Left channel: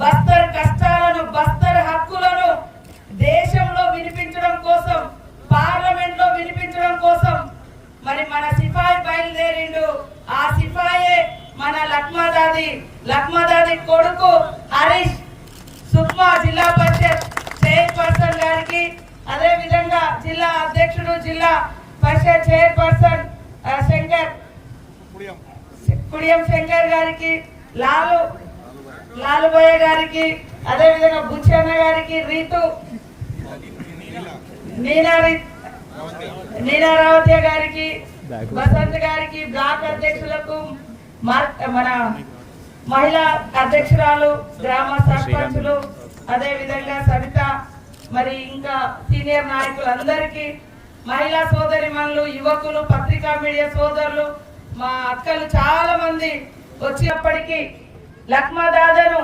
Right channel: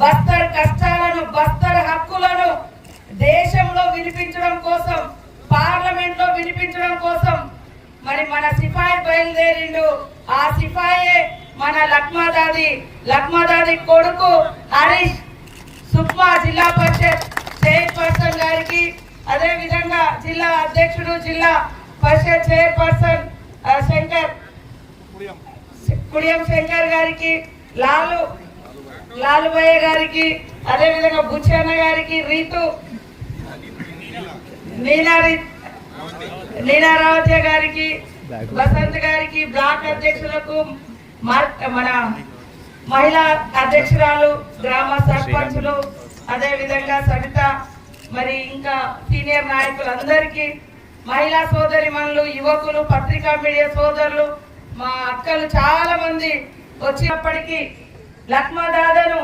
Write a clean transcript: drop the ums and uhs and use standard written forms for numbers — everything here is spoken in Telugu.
బస్తర్ కష్టాలను, బస్తర్ హక్కులను దేశంలో వినిపించడం కోసం, పార్లమెంట్ లో వినిపించడం కోసం మరి మన సిపాయి బయలుదేరిండు. ఆ సిపాయే మన లక్మాదాది కొడుకు హరీష్ సుక్మా జిల్లా పరిషత్ చైర్పర్సన్ గారికి, అదే విధంగా జిల్లా అధ్యక్షుడు, జిల్లా పరిషత్ చైర్పర్సన్ కుడియం శంకర్ గారికి, లాలుబాయ్ గారికి, అదే విధంగా బుచ్చన్న గారికి, నీలారావతి గారికి, వసంత్ గారికి, బ్లాక్ అధ్యక్షులకు, మన మహిళా అధ్యక్షురాలు, గ్రామ సర్పంచులు, అదే విధంగా సవిత, మరి ఇంకా సీనియర్ నాయకులందరికీ, మహిళా సోదరిమణులు, యువకులు, పత్రికా మీడియా సోదరులు, మా అక్కలు చాలా మంది వచ్చినప్పటికీ లక్మాదాదను